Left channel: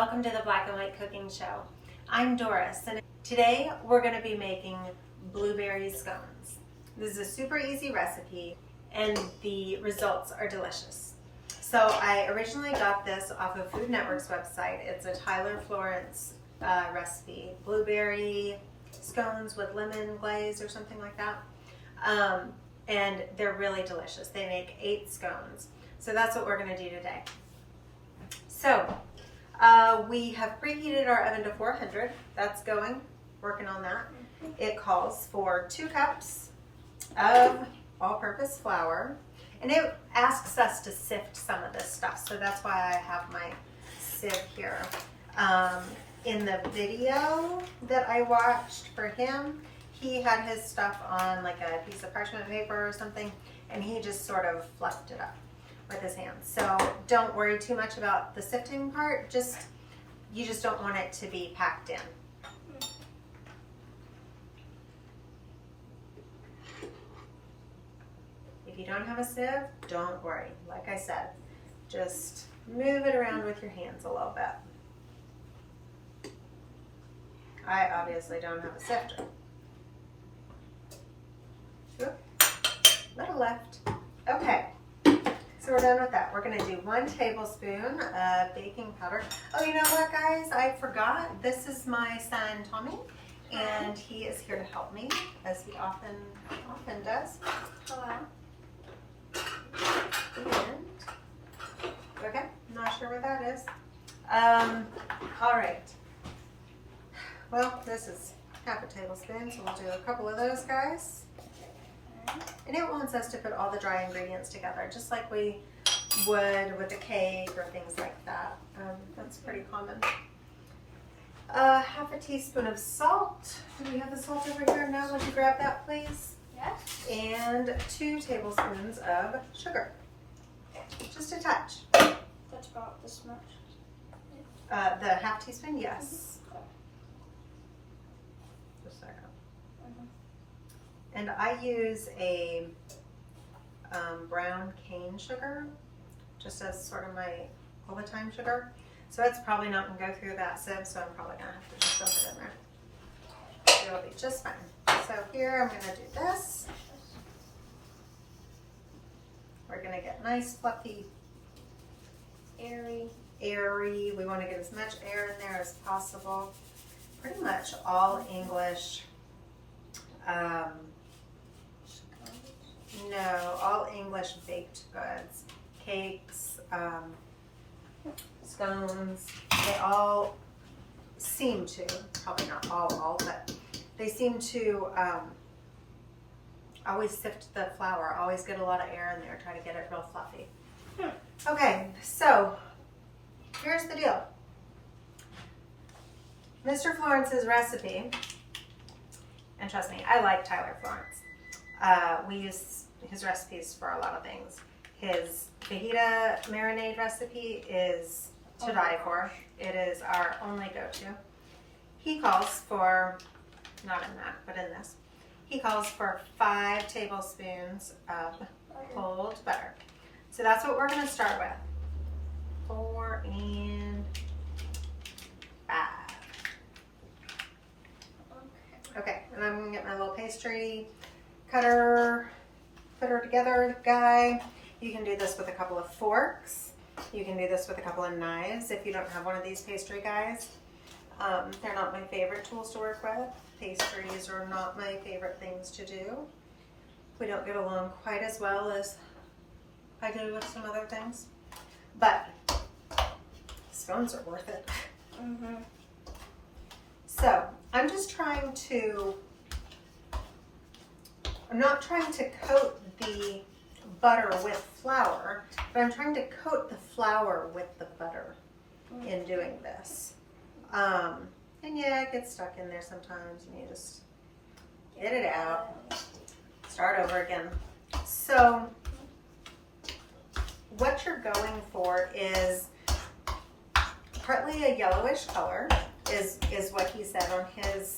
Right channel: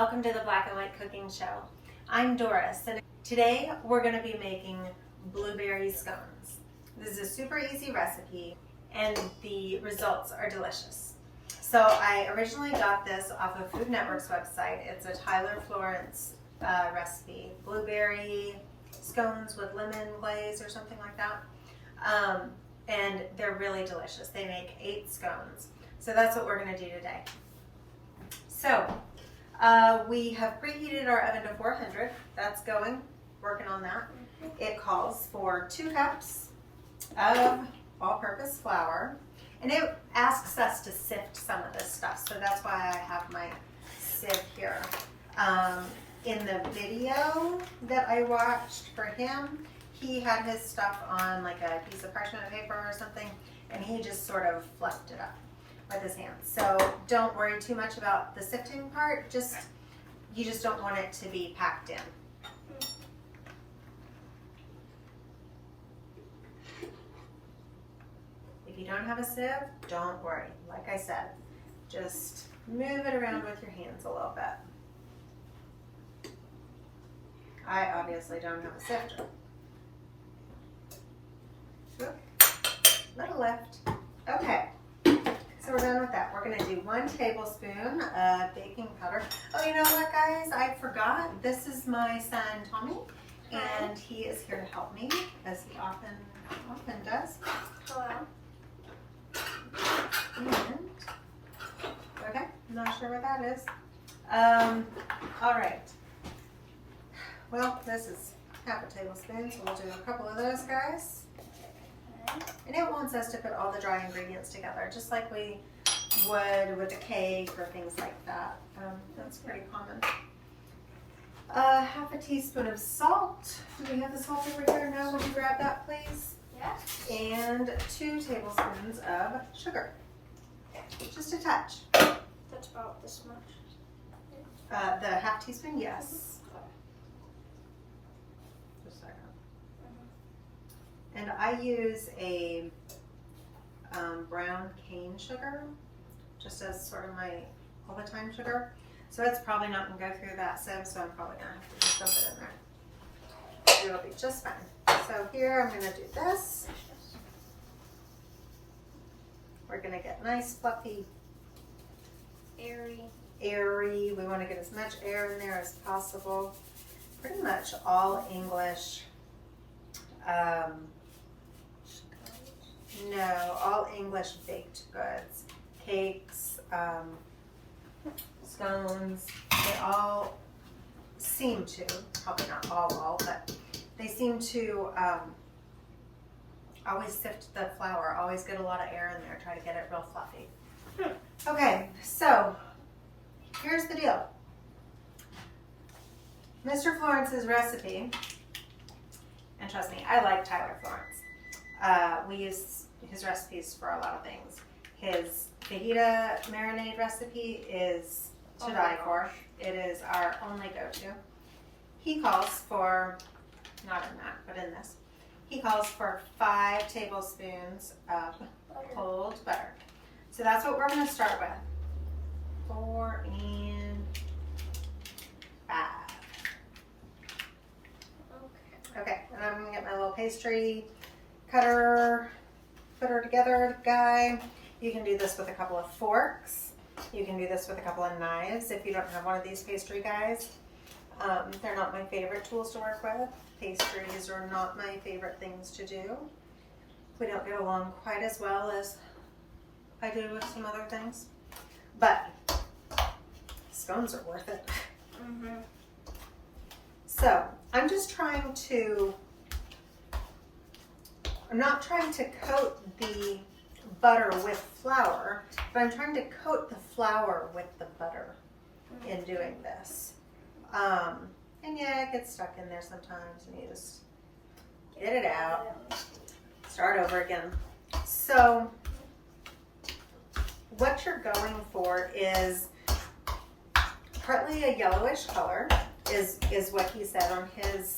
Welcome to the Black and White Cooking Show. I'm Doris, and today we're going to be making blueberry scones. This is a super easy recipe, and the results are delicious. So I originally got this off of Food Network's website. It's a Florence recipe, blueberry scones with lemon glaze or something like that. And they're really delicious. They make 8 scones. So that's what we're going to do today. So we have preheated our oven to 400. That's going, working on that. It calls for 2 cups of all-purpose flour. And it asks us to sift some of this stuff. So that's why I have my sieve here. In the video that I watched for him, he had his stuff on like a piece of parchment paper or something, and he just sort of fluffed it up with his hands. So don't worry too much about the sifting part. You just don't want it to be packed in. If you don't have a sieve, don't worry. Like I said, just move it around with your hands a little bit. I obviously don't have a sifter. Little left. Okay. So we're done with that. We're going to do 1 tablespoon of baking powder. Oh, you know what, guys? I forgot. This is my son, Tommy, and he is here to help me, as he often does. Hello. And, okay, not sure what that is. All right. Well, this is half a tablespoon, so we'll do a couple of those, guys. And it wants us to put all the dry ingredients together, just like we would with a cake or things like that. That's pretty common. Half a teaspoon of salt. Do we have the salt over here? No, would you grab that, please? Yes. And 2 tablespoons of sugar. Just a touch. That's about this much. The half teaspoon, yes. Just a second. And I use a brown cane sugar, just as sort of my all the time sugar. So it's probably not going to go through that sieve, so I'm probably going to have to just dump it in there. It'll be just fine. So here I'm going to do this. We're going to get nice, fluffy, airy. We want to get as much air in there as possible. Pretty much all English. No, all English baked goods, cakes, scones, they all seem to, probably not all, but they seem to always sift the flour, always get a lot of air in there, try to get it real fluffy. Okay, so here's the deal. Mr. Florence's recipe, and trust me, I like Tyler Florence. We use his recipes for a lot of things. His fajita marinade recipe is to die for. It is our only go-to. He calls for, not in that, but in this, he calls for 5 tablespoons of cold butter. So that's what we're going to start with. 4 and 5. Okay, and I'm gonna get my little pastry cutter, put her together guy. You can do this with a couple of forks. You can do this with a couple of knives if you don't have one of these pastry guys. They're not my favorite tools to work with. Pastries are not my favorite things to do. We don't get along quite as well as I do with some other things. But scones are worth it. So I'm just trying to, I'm not trying to coat the butter with flour, but I'm trying to coat the flour with the butter in doing this. And yeah, it gets stuck in there sometimes and you just get it out, start over again. So what you're going for is partly a yellowish color, is what he said on his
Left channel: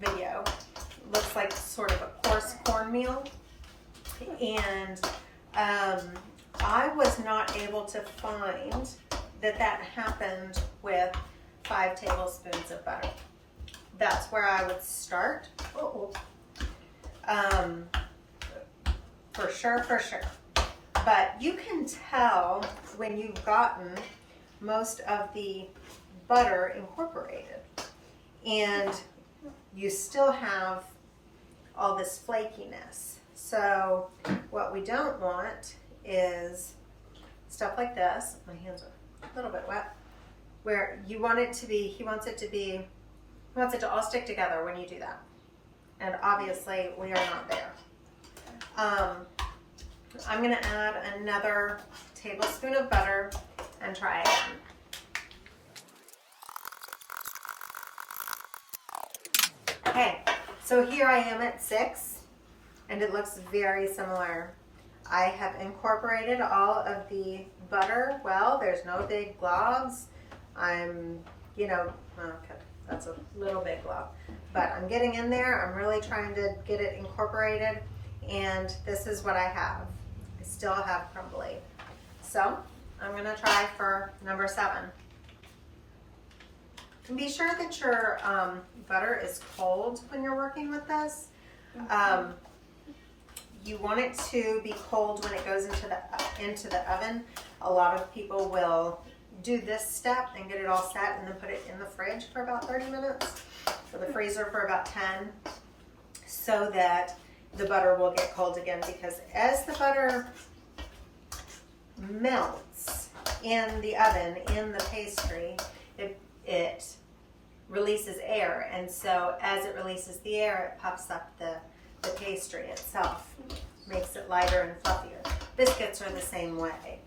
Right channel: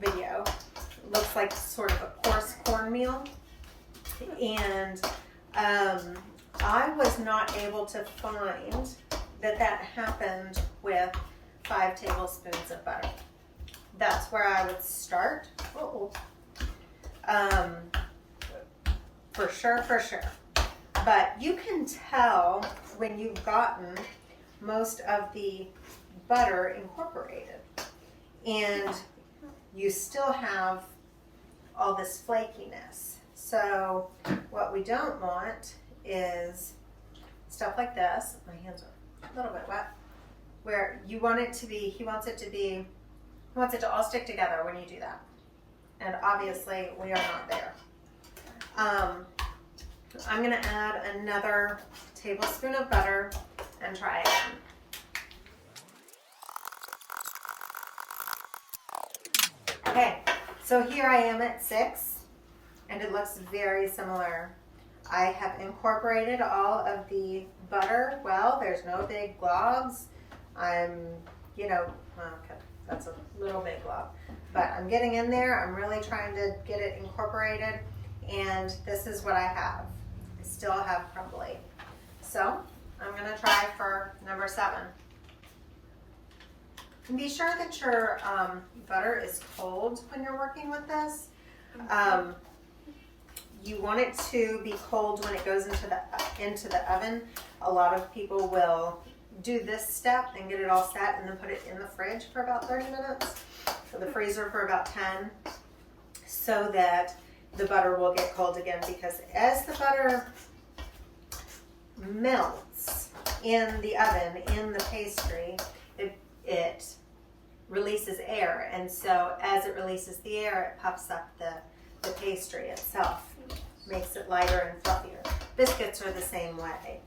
video. It looks like sort of a coarse cornmeal. And I was not able to find that happened with 5 tablespoons of butter. That's where I would start. For sure. But you can tell when you've gotten most of the butter incorporated and you still have all this flakiness. So what we don't want is stuff like this. My hands are a little bit wet. Where you want it to be, he wants it to all stick together when you do that. And obviously we are not there. I'm gonna add another tablespoon of butter and try again. Okay, so here I am at 6 and it looks very similar. I have incorporated all of the butter well. There's no big globs. I'm, okay, that's a little big glob, but I'm getting in there. I'm really trying to get it incorporated, and this is what I have. I still have crumbly. So I'm gonna try for number 7. And be sure that your butter is cold when you're working with this. You want it to be cold when it goes into the oven. A lot of people will do this step and get it all set and then put it in the fridge for about 30 minutes or the freezer for about 10 so that the butter will get cold again, because as the butter melts in the oven, in the pastry, it releases air, and so as it releases the air, it puffs up the pastry itself, makes it lighter and fluffier. Biscuits are the same way.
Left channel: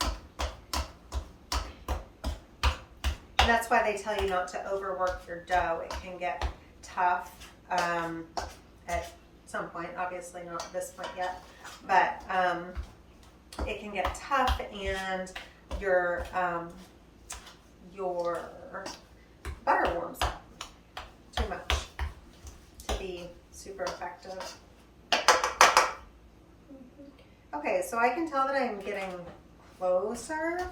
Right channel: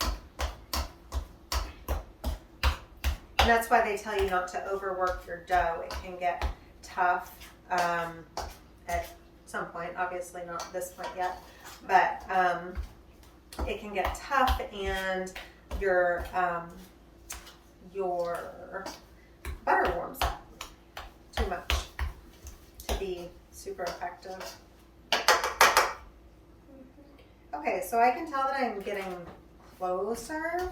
And that's why they tell you not to overwork your dough. It can get tough at some point, obviously not at this point yet, but it can get tough and your butter warms up too much to be super effective. Okay, so I can tell that I'm getting closer,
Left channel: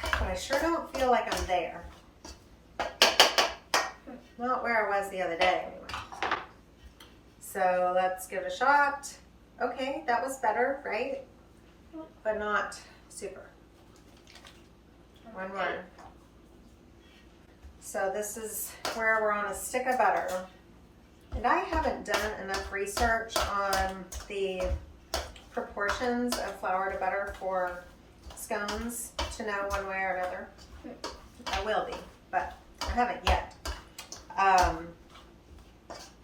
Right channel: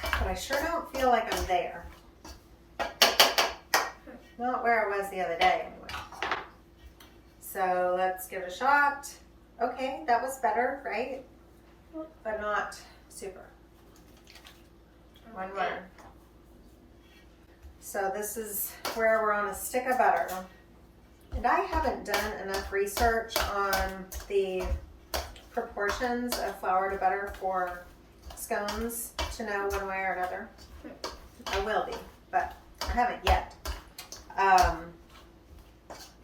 but I sure don't feel like I'm there. Not where I was the other day, anyway. So let's give it a shot. Okay, that was better, right? But not super. One more. So this is where we're on a stick of butter. And I haven't done enough research on the proportions of flour to butter for scones to know one way or another. I will be, but I haven't yet.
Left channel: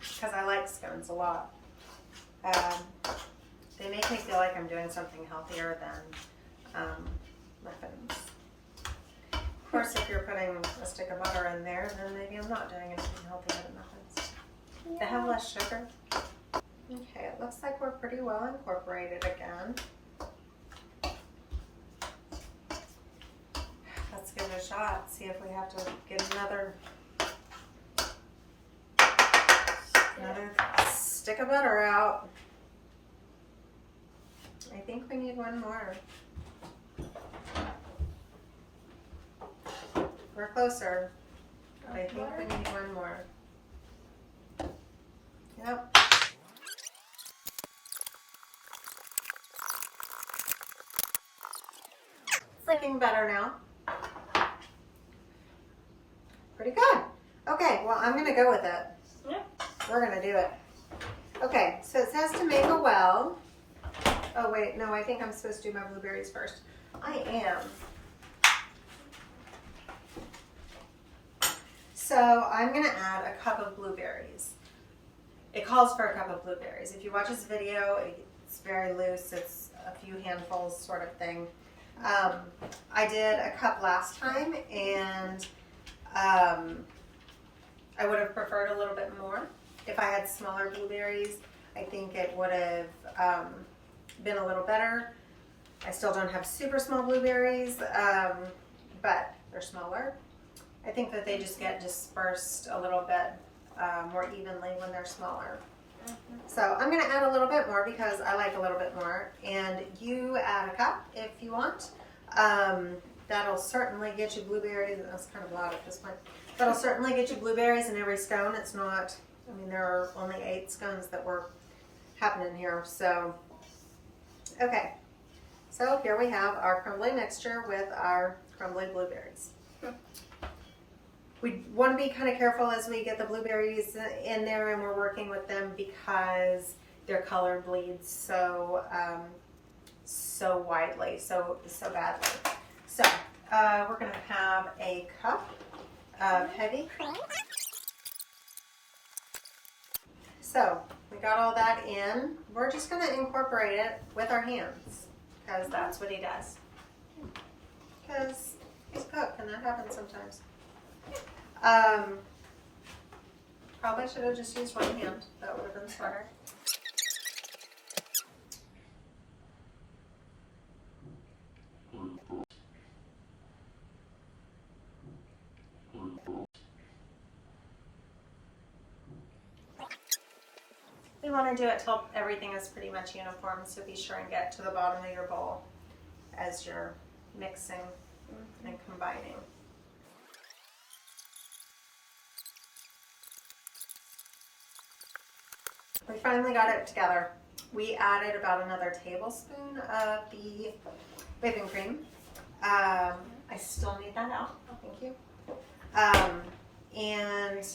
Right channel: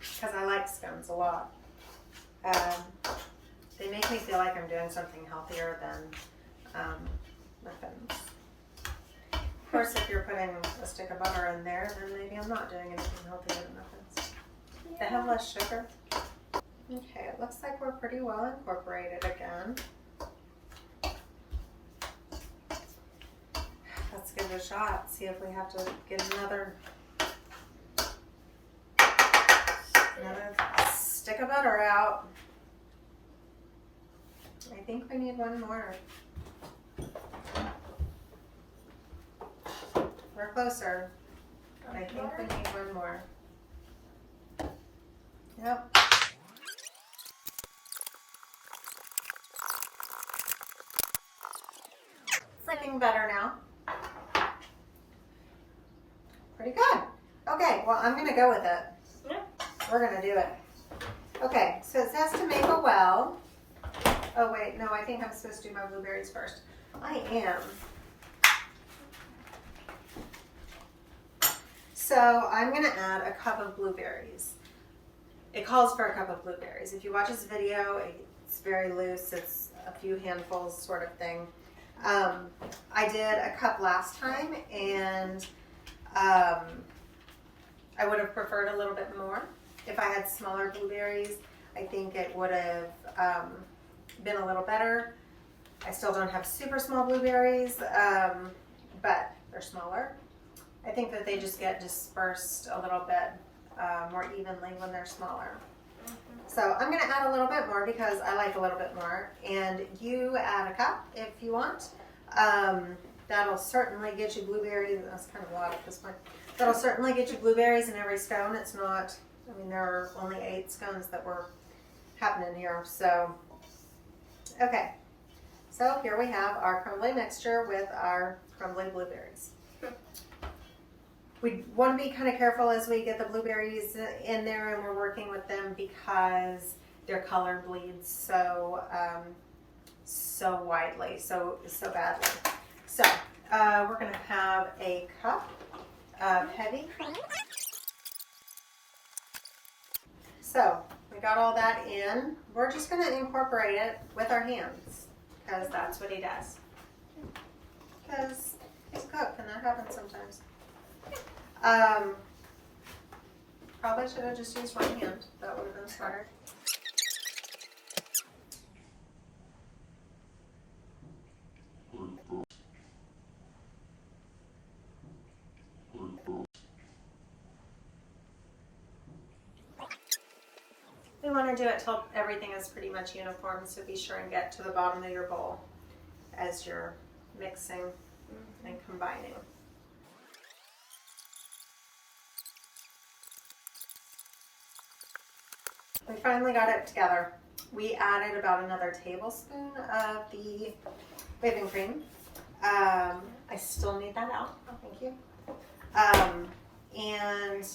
Because I like scones a lot. They make me feel like I'm doing something healthier than muffins. Of course, if you're putting a stick of butter in there, then maybe I'm not doing anything healthier than muffins. They have less sugar. Okay, it looks like we're pretty well incorporated again. Let's give it a shot, see if we have to get another stick of butter out. I think we need one more. We're closer, but I think we need one more. Yep. It's looking better now. Pretty good. Okay, well, I'm going to go with it. Yeah. We're going to do it. Okay, so it says to make a well. Oh, wait, no, I think I'm supposed to do my blueberries first. I am. So I'm going to add a cup of blueberries. It calls for a cup of blueberries. If you watch this video, it's very loose. It's a few handfuls sort of thing. I did a cup last time, and I would have preferred a little bit more. If I had smaller blueberries, I think it would have been a little better. I still don't have super small blueberries, but they're smaller. I think that they just get dispersed a little bit more evenly when they're smaller. So I'm going to add a little bit more because I like a little bit more, and you add a cup if you want. that'll certainly get you blueberries. That's kind of loud at this point. That'll certainly get you blueberries in every scone. It's not, I mean, there are only 8 scones that were happening here. So, okay. So here we have our crumbly mixture with our crumbly blueberries. We want to be kind of careful as we get the blueberries in there and we're working with them because their color bleeds so so widely, so badly. So we're going to have a cup of heavy cream. So we got all that in. We're just going to incorporate it with our hands because that's what he does. Because he's a cook and that happens sometimes. Probably should have just used one hand. That would have been smarter. We want to do it till everything is pretty much uniform, so be sure and get to the bottom of your bowl as you're mixing and combining. We finally got it together. We added about another tablespoon of the whipping cream. I still need that out. Oh, thank you. And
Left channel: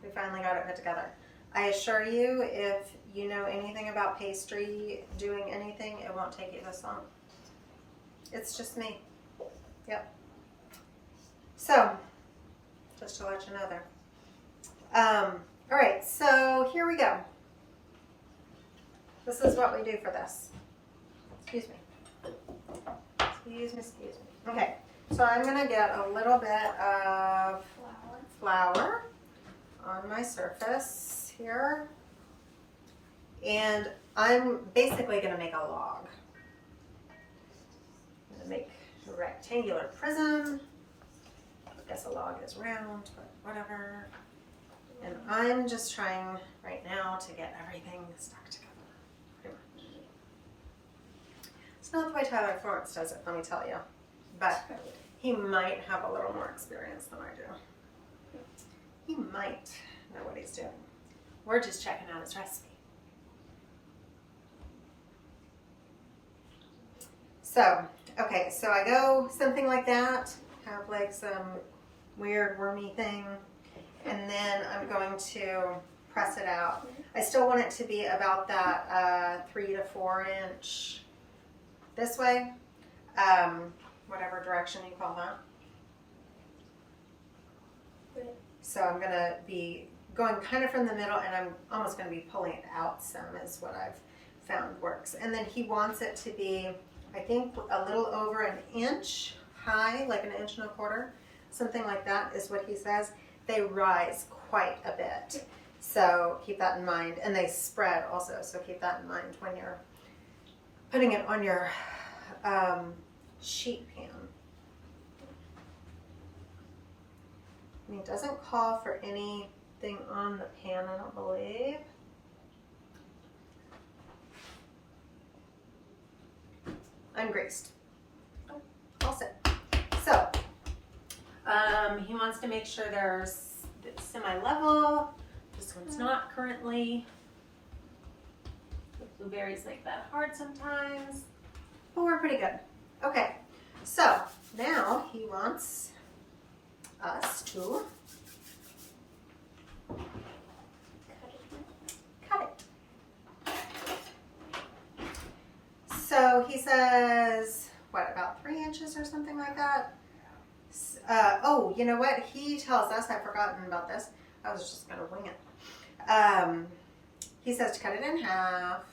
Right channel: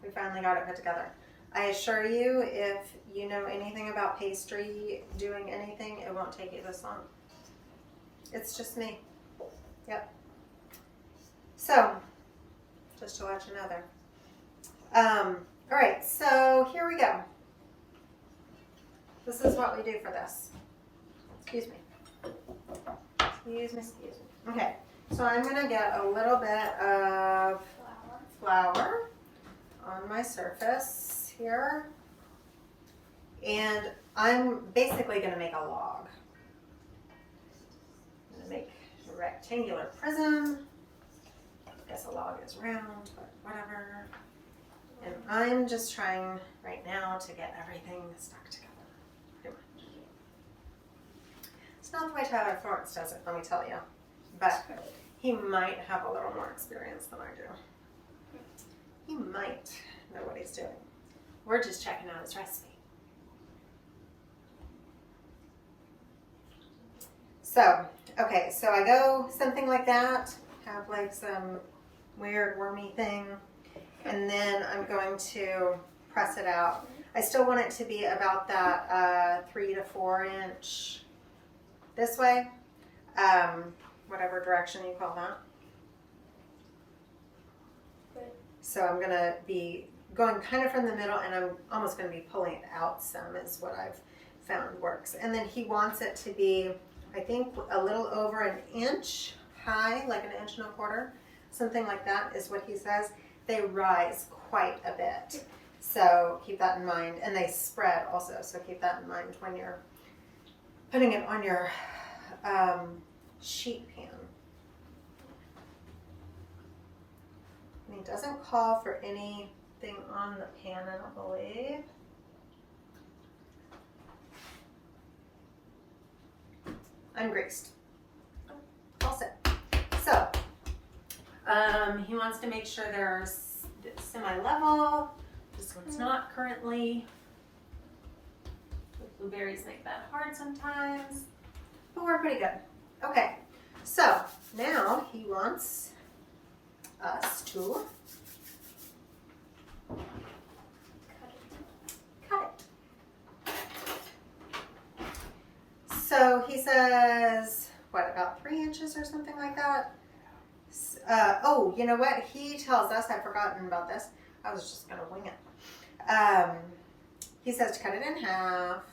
we finally got it put together. I assure you, if you know anything about pastry, doing anything, it won't take you this long. It's just me. Yep. So, just to let you know there. All right, so here we go. This is what we do for this. Excuse me. Excuse me. Okay, so I'm gonna get a little bit of flour on my surface here. And I'm basically gonna make a log. I'm gonna make a rectangular prism. I guess a log is round, but whatever. And I'm just trying right now to get everything stuck together, pretty much. It's not the way Tyler Florence does it, let me tell you. But he might have a little more experience than I do. He might know what he's doing. We're just checking out his recipe. So, okay, so I go something like that, have like some weird wormy thing, and then I'm going to press it out. I still want it to be about that 3 to 4 inch this way, whatever direction you call that. So I'm gonna be going kind of from the middle, and I'm almost gonna be pulling it out some is what I've found works. And then he wants it to be, I think, a little over an inch high, like 1.25 inches, something like that is what he says. They rise quite a bit, so keep that in mind. And they spread also, so keep that in mind when you're putting it on your sheet pan. And he doesn't call for anything on the pan, I don't believe. I'm greased. All set. So, he wants to make sure they're semi-level. This one's not currently. The blueberries make that hard sometimes, but we're pretty good. Okay, so now he wants us to cut it. So he says, what, about 3 inches or something like that? Oh, you know what? He tells us, I've forgotten about this. I was just gonna wing it. He says to cut it in half,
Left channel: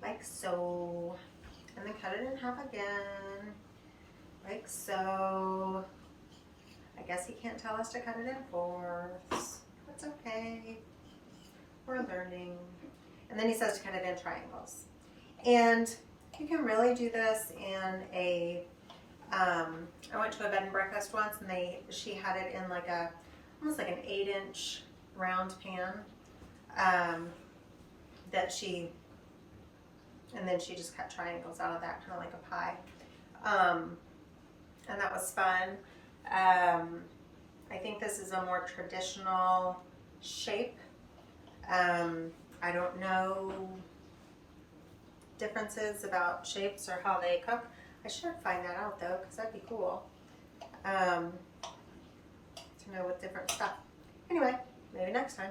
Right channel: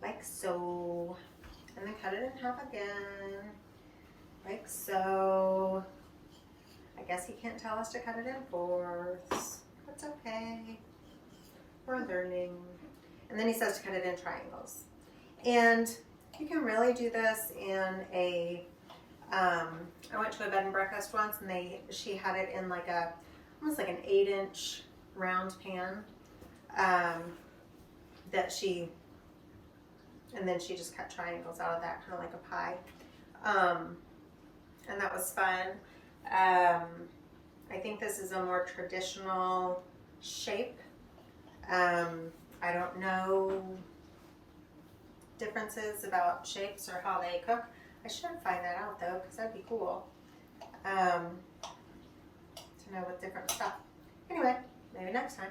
like so, and then cut it in half again, like so. I guess he can't tell us to cut it in fourths. That's okay. We're learning. And then he says to cut it in triangles. And you can really do this in a, I went to a bed and breakfast once, and she had it in like almost like an 8-inch round pan and then she just cut triangles out of that, kind of like a pie. And that was fun. I think this is a more traditional shape. I don't know differences about shapes or how they cook. I should find that out though, because that'd be cool to know with different stuff. Anyway, maybe next time.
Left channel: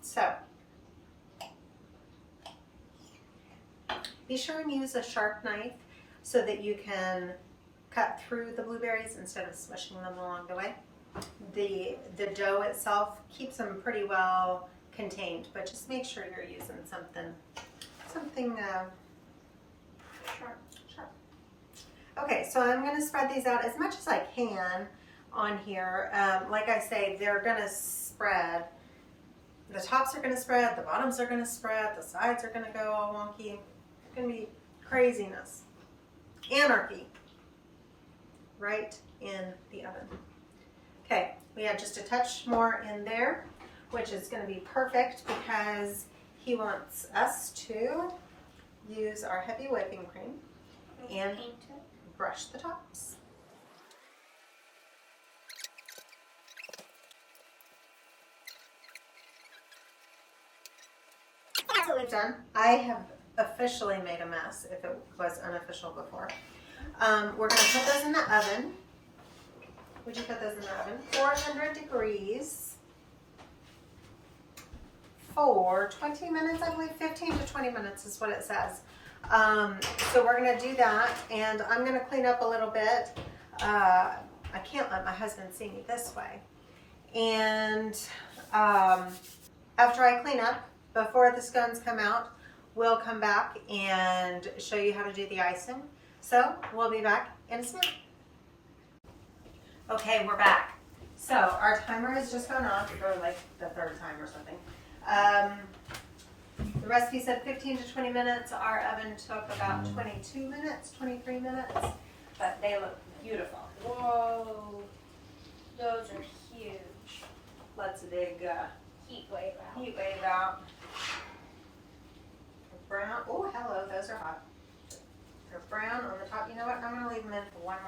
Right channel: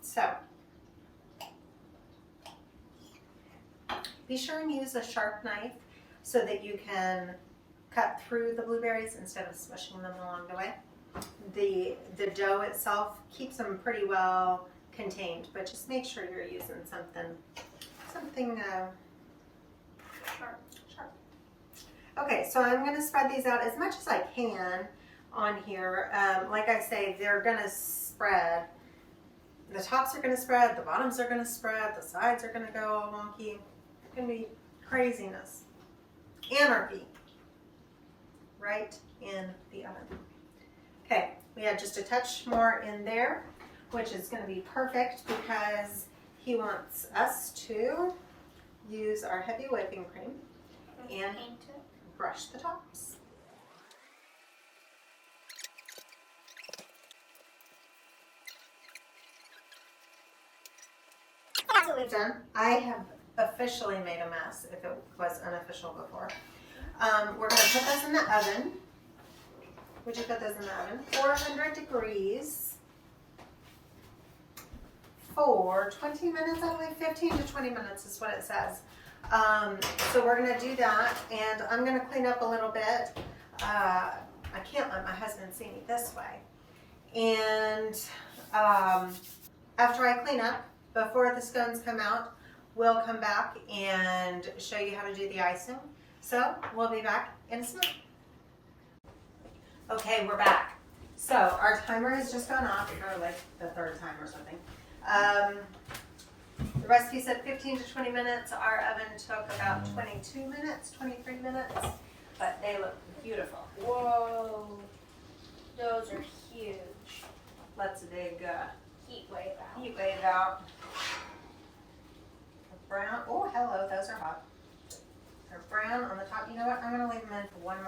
So, be sure and use a sharp knife so that you can cut through the blueberries instead of smushing them along the way. The dough itself keeps them pretty well contained, but just make sure you're using something sharp. Okay, so I'm going to spread these out as much as I can on here. Like I say, they're going to spread. The tops are going to spread, the bottoms are going to spread, the sides are going to go all wonky. It's going to be craziness. Anarchy. Right in the oven. Okay, we had just a touch more in there, which is going to be perfect because he wants us to use our heavy whipping cream and brush the tops. That's what we've done. I have officially made a mess if it was unofficial before. We're going to put those in the oven. Would you put those in the oven? 400 degrees for 20 minutes, I believe. 15 to 20 minutes is what it says. So we're going to do that, and I'm going to clean up a little bit. I can't let my husband see me this way. And after I clean up, before the scones come out, we'll come back and show you how to do the icing. So we'll be back in a minute. Okay, we're back. So our timer has just gone off for like the third time or something. The recipe said 15 to 20 minutes. Our oven took about 22 minutes, 23 minutes, but they look beautiful. Whoa, those are huge. Let's dig Heat wave out. heat wave out. Brown. Oh, hello, those are hot. They're brown on the top. You know what? I'm going to leave them in for one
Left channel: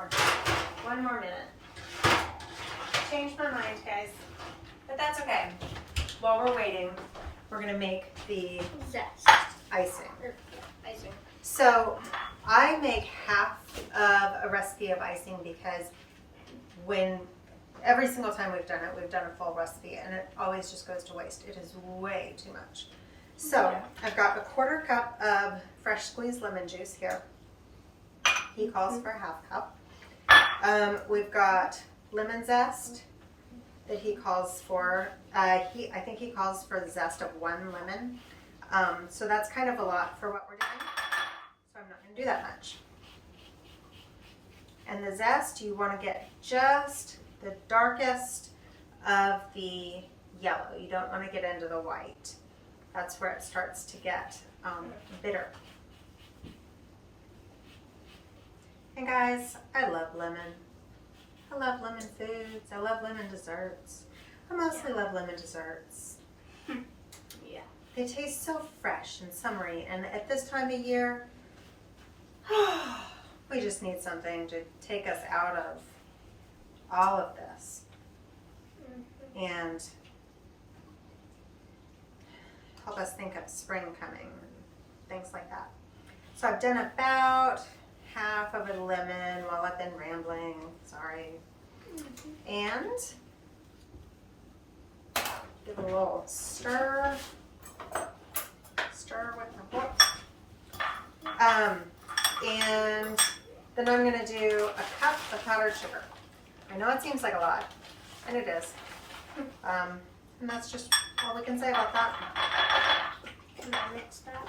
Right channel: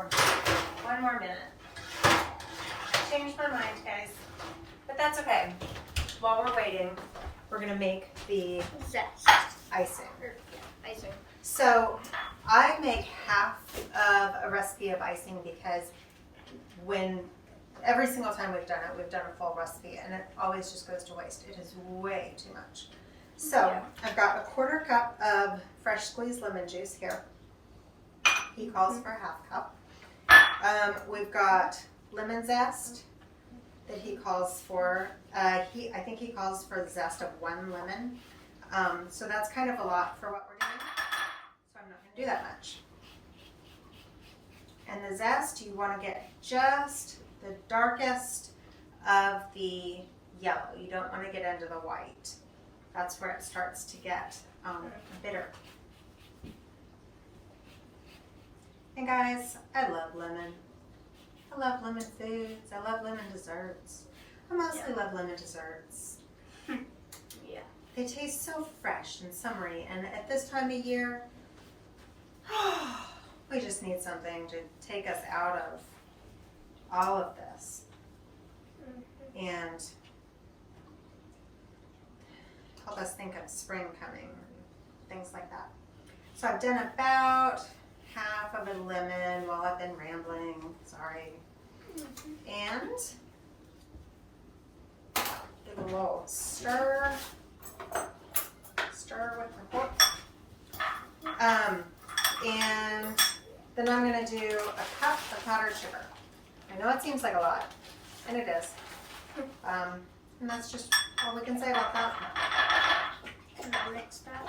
more minute. Changed my mind, guys, but that's okay. While we're waiting, we're going to make the Zest. icing. Icing. So I make half of a recipe of icing because every single time we've done a full recipe, and it always just goes to waste. It is way too much. So I've got a 1/4 cup of fresh squeezed lemon juice here. He calls for a 1/2 cup. We've got lemon zest that he calls for. I think he calls for the zest of 1 lemon. So that's kind of a lot for what we're doing. So I'm not going to do that much. And the zest, you want to get just the darkest of the yellow. You don't want to get into the white. That's where it starts to get bitter. And guys, I love lemon. I love lemon foods. I love lemon desserts. I mostly love lemon desserts. Yeah. They taste so fresh and summery, and at this time of year, we just need something to take us out of all of this and help us think of spring coming and things like that. So I've done about half of a lemon while I've been rambling, sorry. And give it a little stir with my fork. And then I'm gonna do a cup of powdered sugar. I know it seems like a lot, and it is. And that's just all we can say about that. Can I mix that?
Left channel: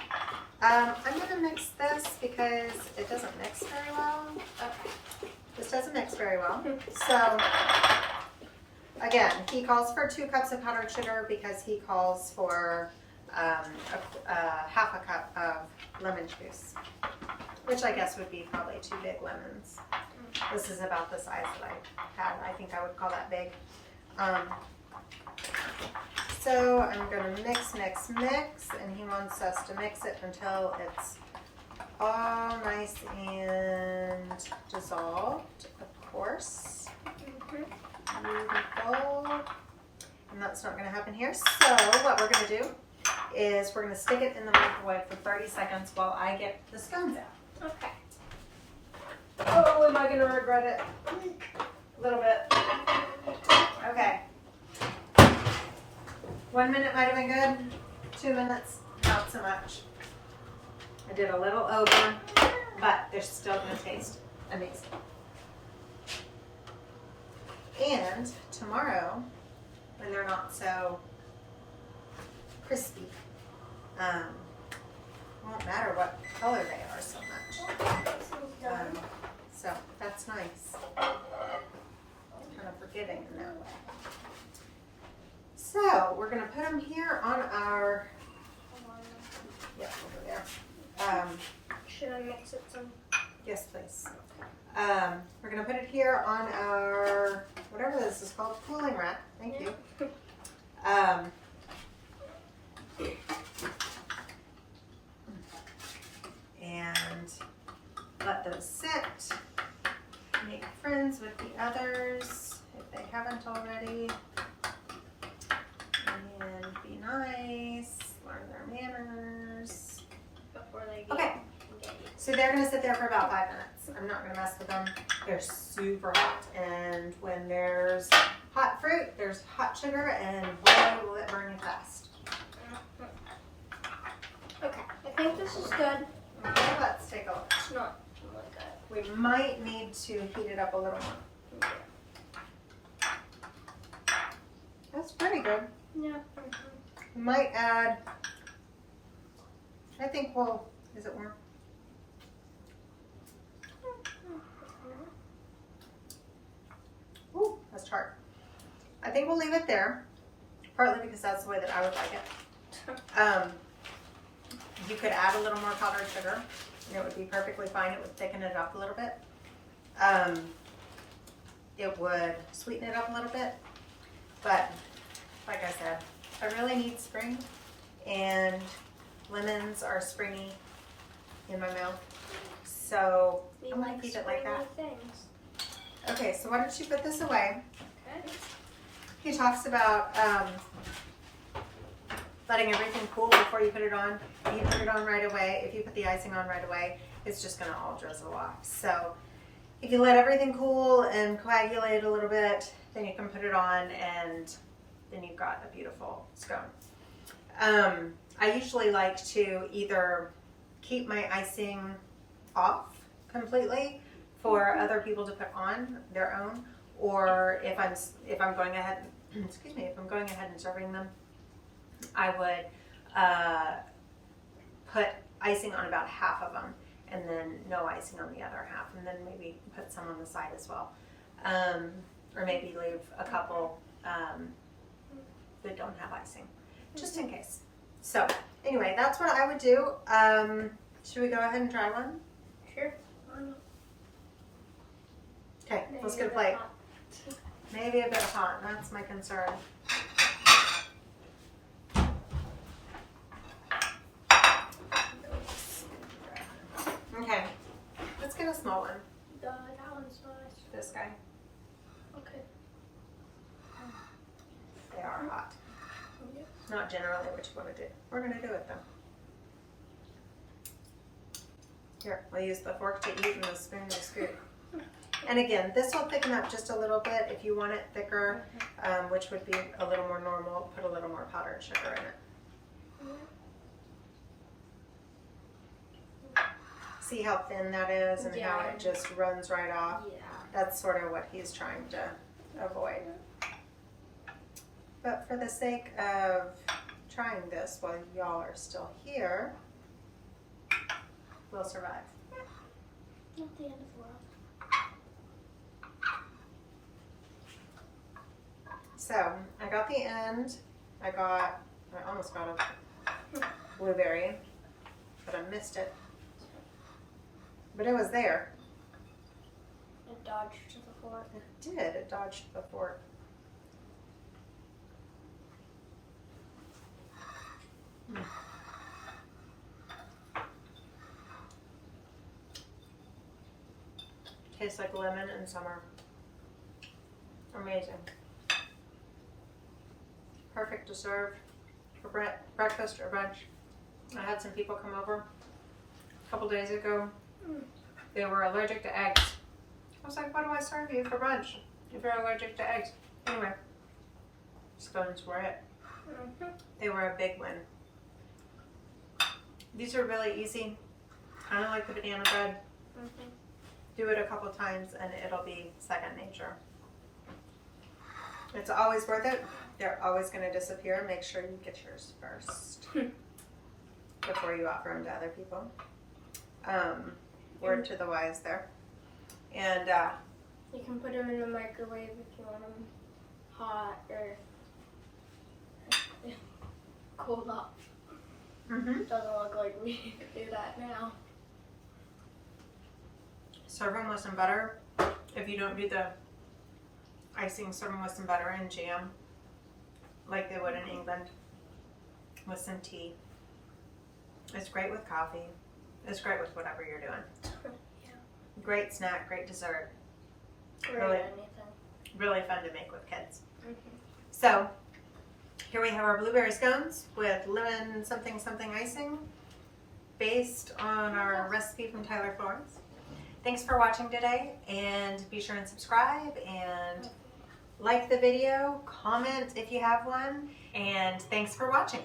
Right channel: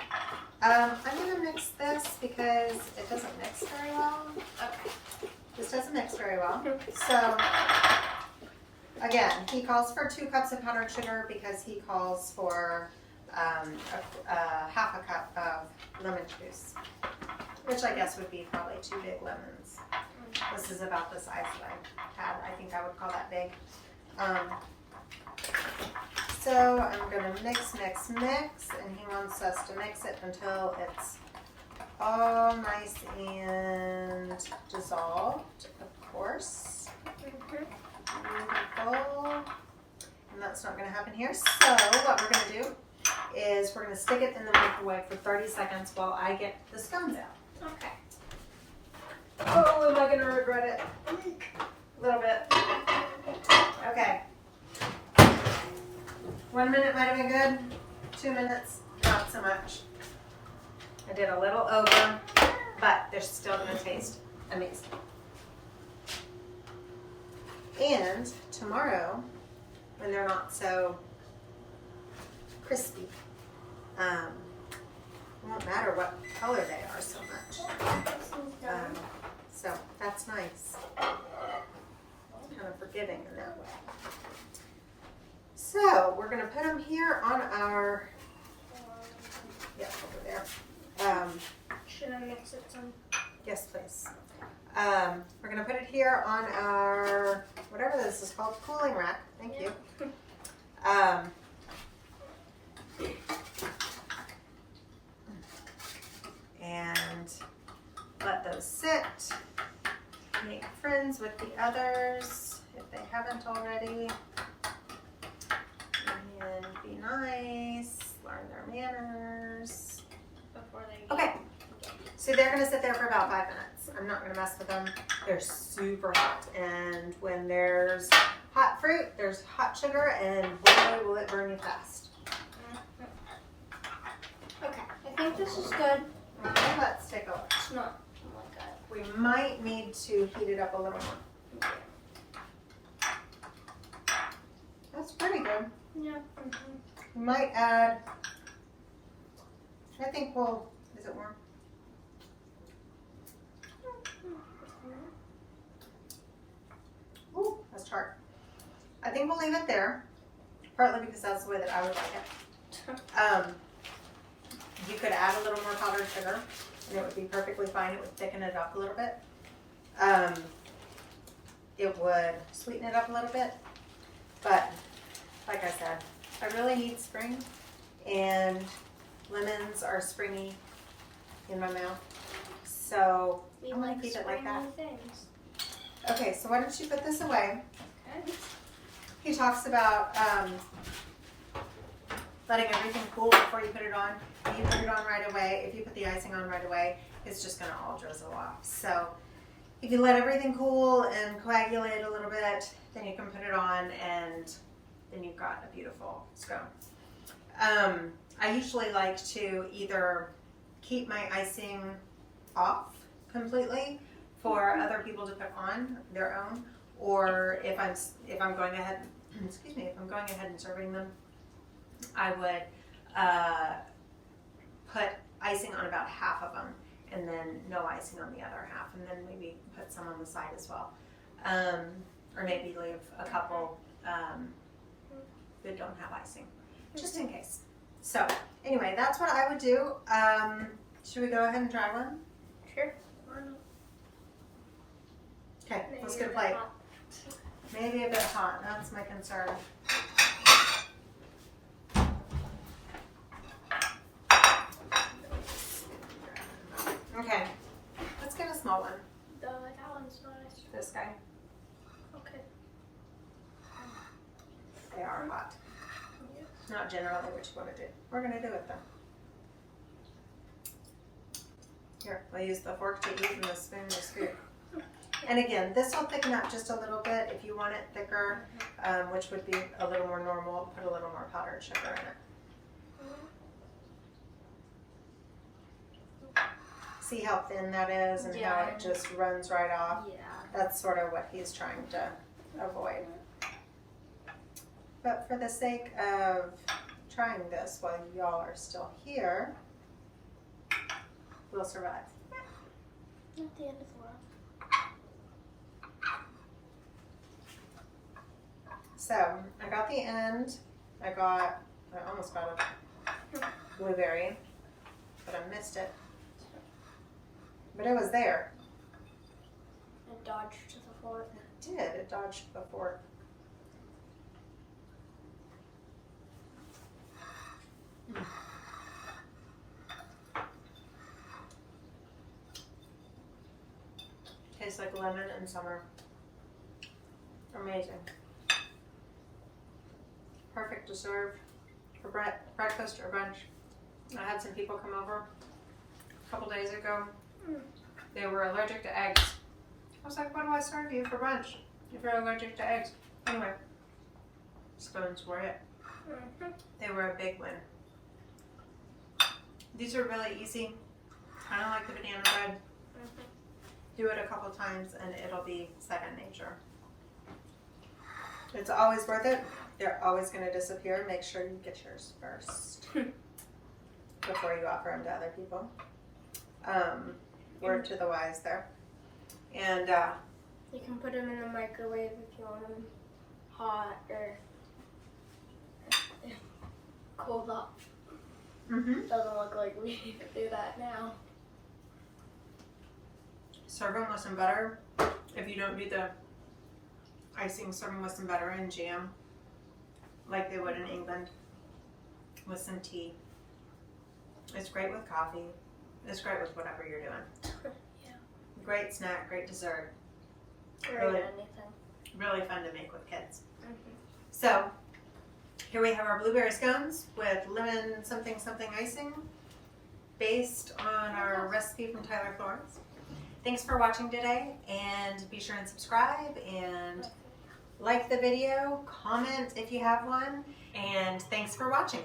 I'm gonna mix this because it doesn't mix very well. Okay. This doesn't mix very well. So, again, he calls for 2 cups of powdered sugar because he calls for 1/2 cup of lemon juice, which I guess would be probably 2 big lemons. This is about the size that I had. I think I would call that big. So I'm going to mix, and he wants us to mix it until it's all nice and dissolved, of course. Beautiful. And that's not going to happen here. So what we're going to do is we're going to stick it in the microwave for 30 seconds while I get the scones out. Okay. Oh, am I going to regret it? A little bit. Okay. 1 minute might have been good. 2 minutes, not so much. I did a little over, but they're still going to taste amazing. And tomorrow, when they're not so crispy, it won't matter what color they are so much. So that's nice. Kind of forgiving in that way. So we're going to put them here on our, yep, over there. Should I mix it some? Yes, please. We're going to put it here on our, whatever this is called, cooling rack. Thank you. And let those sit. Make friends with the others if they haven't already. And be nice. Learn their manners. Before they Okay. So they're going to sit there for about 5 minutes. I'm not going to mess with them. They're super hot. And when there's hot fruit, there's hot sugar, and boy, will it burn you fast. Okay, I think this is good. Okay, let's take a look. It's not really good. We might need to heat it up a little more. That's pretty good. Yeah. We might add, I think we'll, is it warm? Ooh, that's tart. I think we'll leave it there, partly because that's the way that I would like it. You could add a little more powdered sugar, and it would be perfectly fine. It would thicken it up a little bit. It would sweeten it up a little bit, but like I said, I really need spring, and lemons are springy in my mouth, so I'm going to keep it like that. Things. Okay, so why don't you put this away? Okay. He talks about letting everything cool before you put it on. If you put it on right away, if you put the icing on right away, it's just going to all drizzle off. So if you let everything cool and coagulate a little bit, then you can put it on, and then you've got a beautiful scone. I usually like to either keep my icing off completely for other people to put on their own, or if I'm going ahead, excuse me, if I'm going ahead and serving them, I would put icing on about half of them, and then no icing on the other half, and then maybe put some on the side as well, or maybe leave a couple that don't have icing, just in case. So anyway, that's what I would do. Should we go ahead and try one? Sure. Okay, let's get a plate. Maybe a bit hot, that's my concern. Okay, let's get a small one. That one's nice. This guy. Okay. They are hot. Yeah. Not generally what you want to do. We're going to do it though. Here, we'll use the fork to eat and the spoon to scoop. And again, this will thicken up just a little bit. If you want it thicker, which would be a little more normal, put a little more powdered sugar in it. See how thin that is and how it just runs right off? Yeah. That's sort of what he's trying to avoid. But for the sake of trying this while y'all are still here, we'll survive. Not the end of the world. So I got the end. I almost got a blueberry, but I missed it. But it was there. It dodged the fork. It did. It dodged the fork. Tastes like lemon in summer. Amazing. Perfect to serve for breakfast or brunch. I had some people come over a couple days ago. They were allergic to eggs. I was like, what do I serve you for brunch if you're allergic to eggs? Anyway, scones were it. They were a big win. These are really easy, kind of like the banana bread. Do it a couple times and it'll be second nature. It's always worth it. They're always going to disappear. Make sure you get yours first before you offer them to other people. Word to the wise there. And you can put them in the microwave if you want them hot or cold up. Doesn't look like we do that now. Serve them with some butter. If you don't do the icing, serve them with some butter and jam, like they would in England, with some tea. It's great with coffee. It's great with whatever you're doing. Yeah. Great snack, great dessert. Or Really, anything. really fun to make with kids. So, here we have our blueberry scones with lemon something something icing, based on our recipe from Tyler Florence. Thanks for watching today, and be sure and subscribe and like the video, comment if you have one, and thanks for watching.